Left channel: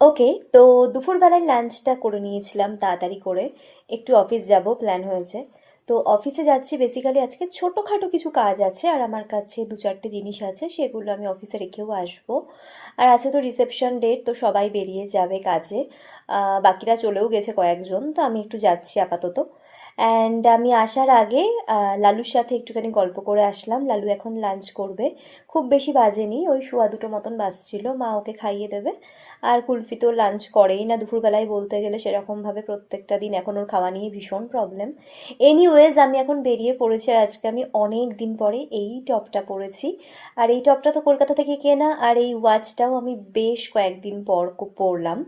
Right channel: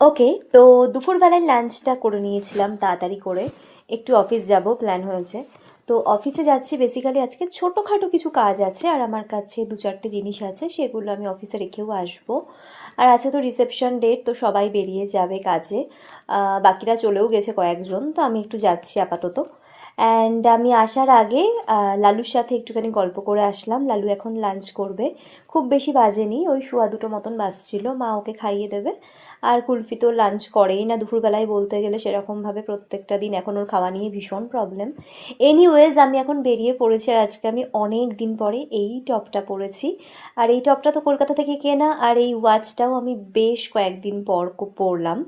ওকে, তো দুপুরবেলায় লাঞ্চটা করে নিয়েছিলাম তাড়াতাড়ি করে। একটু অফিস যাব প্ল্যান হয়েছে। তো অফিসে যাচ্ছি বেসিক্যালি আজকে ছোটোখাটো কিছু কাজ আছে, আর আমার কাছে দু চারটে জিনিস আছে, সেগুলো আমি অফিসে রেখেও আসবো। আর আছে তো রিসেপশন ডেট, তো সবাই বেরিয়ে যাবে কাজে। বাকিরা চলেও গেছে কয়েকজন, তো আমি একটু যাচ্ছি আপাতত। অ্যান্ড আমি আসার আগে লালুর সাথে একটুখানি গল্প করে আসলাম। লালু এখন লাঞ্চ করবে। খুব বেশি বাজেনি, ওই সোয়া দুটো মতন বাজছিল, মা ওকে খাইয়ে দেবে। আর কুলফি তো লাঞ্চ করেই না দুপুরবেলায়, বলতে গেলে সেরকমভাবে প্রত্যেকটা দিন এখন ওর খাওয়া নিয়ে ভীষণ প্রবলেম। এনিওয়েজ আমি এখন বেরিয়ে পড়েছি, আর আজকে আমি অনেক দিন পরে এই টপটা পরেছি। আর এই টপটা তো কলকাতা থেকে কেনা, আর এই ওয়াচটাও আমি বেশ কয়েকদিন পর পরলাম।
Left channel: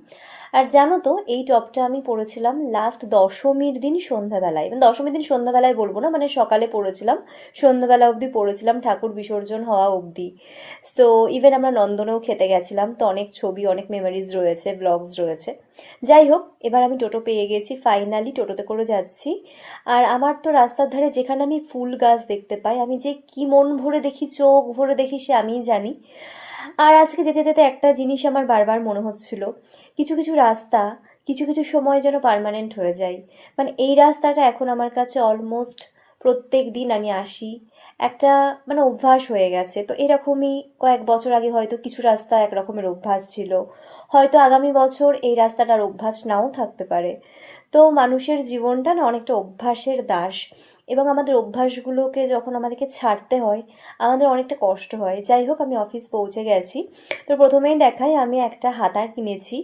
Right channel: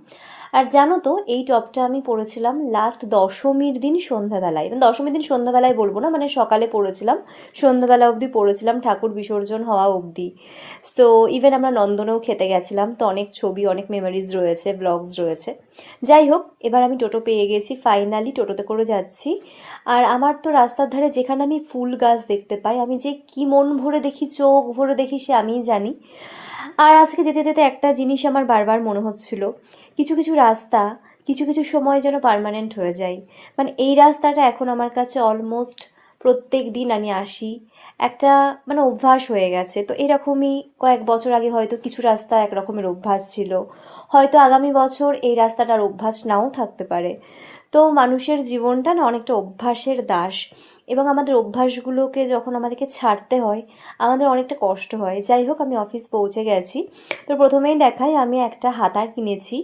আর জানো তো, এই টপটা আমি পরেছিলাম লাস্ট দশমীর দিন সন্ধ্যাবেলায়, মানে দশমীর দিন সন্ধ্যাবেলায় বলবো না, মানে সকালে পরেছিলাম, সন্ধ্যাবেলা অবধি পরেছিলাম, ঠাকুর বিসর্জন হওয়া অবধি। সো ইভেন আমরা নন্দনেও খেতে গেছিলাম, তো অনেক ছবি, অনেক মেমোরিজ রয়েছে, ব্লগস রয়েছে। যাই হোক, এবার আমি টোটো পেয়ে গেছি, ফাইনালি টোটোতে করে যাচ্ছি। আর আমার তো রাস্তার ধারে যেখানে আমি ফুল গাছ দেখতে পাই, আমি যে কি মন ভরে দেখি, চোখ ভরে দেখি, সে আমিই জানি। আর আজকে যেতে যেতে একটা জিনিস আমার বারবার মনে হচ্ছিল, কিছু কিছু রাস্তা কিছু কিছু সময় যেন পার্মানেন্ট হয়ে যায়। মানে এই রাস্তাটা এখন আমার কাছে অলমোস্ট প্রত্যেক দিন আমি আসি, একটা মানে অভ্যাস হয়ে গেছে। তো এরকমই কয়েক বছর আগে হয়তো কিছু রাস্তা একরকমের অভ্যাস ছিল, হয়তো আগামী বছর এই রাস্তাটার অভ্যাস নাও থাকতে পারে। তো মানুষের জীবনটা না অনেকটা অভ্যাসের দাস, এবং আমাদের অভ্যাসগুলোকে যখন আমাদেরকে ছাড়তে হয়, আমাদের অনেকটা কষ্ট হয়। যাই হোক, আমি অফিস পৌঁছে গেছি। তো প্রথমেই দেখাই, আমি একটা হাতা কিনেছি,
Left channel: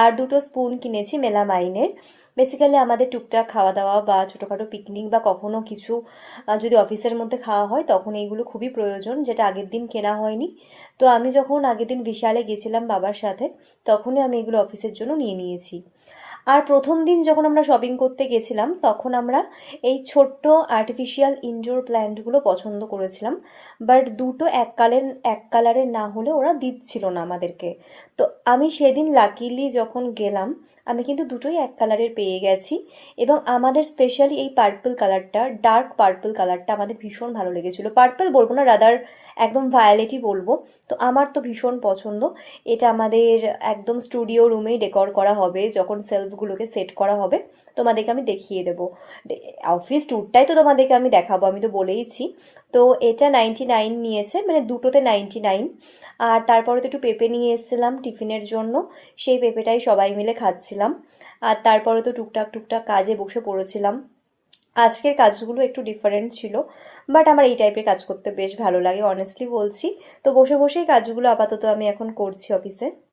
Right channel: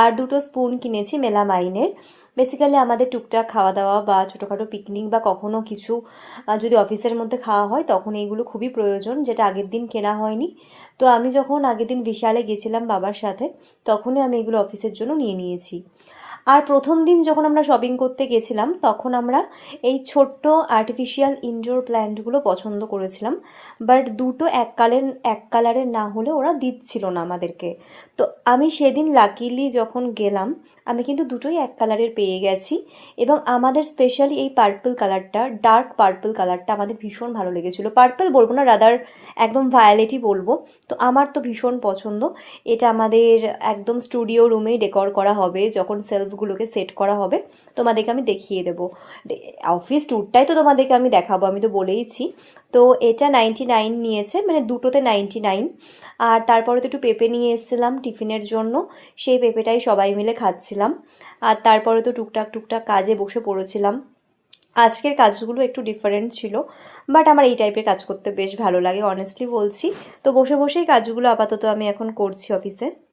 আর দুটো স্পুন কিনেছি মেলামাইনের। বেসিক্যালি আমাদের টুকটাক খাওয়া দাওয়া বা ছোটোখাটো পিকনিক বা কখনো কিছু যদি অফিসের মধ্যে খাওয়া হয়, তখন এইগুলো খুবই প্রয়োজন, যেটা আগের দিন কেনা হয়নি। তো আমি যখন আগের দিন বিশালে গেছিলাম বাবার সাথে, তখনই আমি এগুলো অফিসের জন্য নিয়ে নিয়েছি। আর প্রথম দিন যখন আমরা শপিং করতে গেছিলাম, তখন আমরা এই ছোট্ট আর্টিফিশিয়াল ইনডোর প্ল্যান্টগুলো পছন্দ করেছিলাম। বাট দুটো এক কালারের না হলে ওরা দিচ্ছিল না আমাদেরকে। তো আমি সেদিন লাকিলি যখন গেলাম, আমি কিন্তু দুটোই এক কালারের পেয়ে গেছি। এবং আমাদের স্পেশালি এই পার্পল কালারটা, ডার্ক পার্পল কালারটা আমাদের ভীষণ ভালো লেগেছিলো। পার্পল বলবো না, রাদার একদম ভায়োলেটই বলবো। তো আমার তো ভীষণ পছন্দ। এটা আমাদের একদম স্টুডিও রুমেই ডেকর করা হবে, যখন সেলফগুলোকে সেট করা হবে তোমাদেরকে আমি দেখিয়ে দেবো। অফিস ট্যুরটাই তো তোমাদেরকে আমি দেখাবো, আমি তো বলেইছি। তো এটা 99 নিয়েছে, মানে দুটোতে 99। আর তারপরে তো একটু পেঁপে নিয়ে এসেছিলাম টিফিনের জন্য, সেই পেঁপেটাই সবাই মিলে খাচ্ছিলাম। আর তারপরে তো টুকটাক টুকটাক কাজে বসে পড়েছিলাম। আজকের কাজগুলো একটু ডিফারেন্ট ছিল, বাট আমার এই টাইপের কাজ করতে বেশ ভালো লাগে, অনেস্টলি বলছি। তো বসে বসেই কাজগুলো আপাতত আমি এখন করছি অফিসে।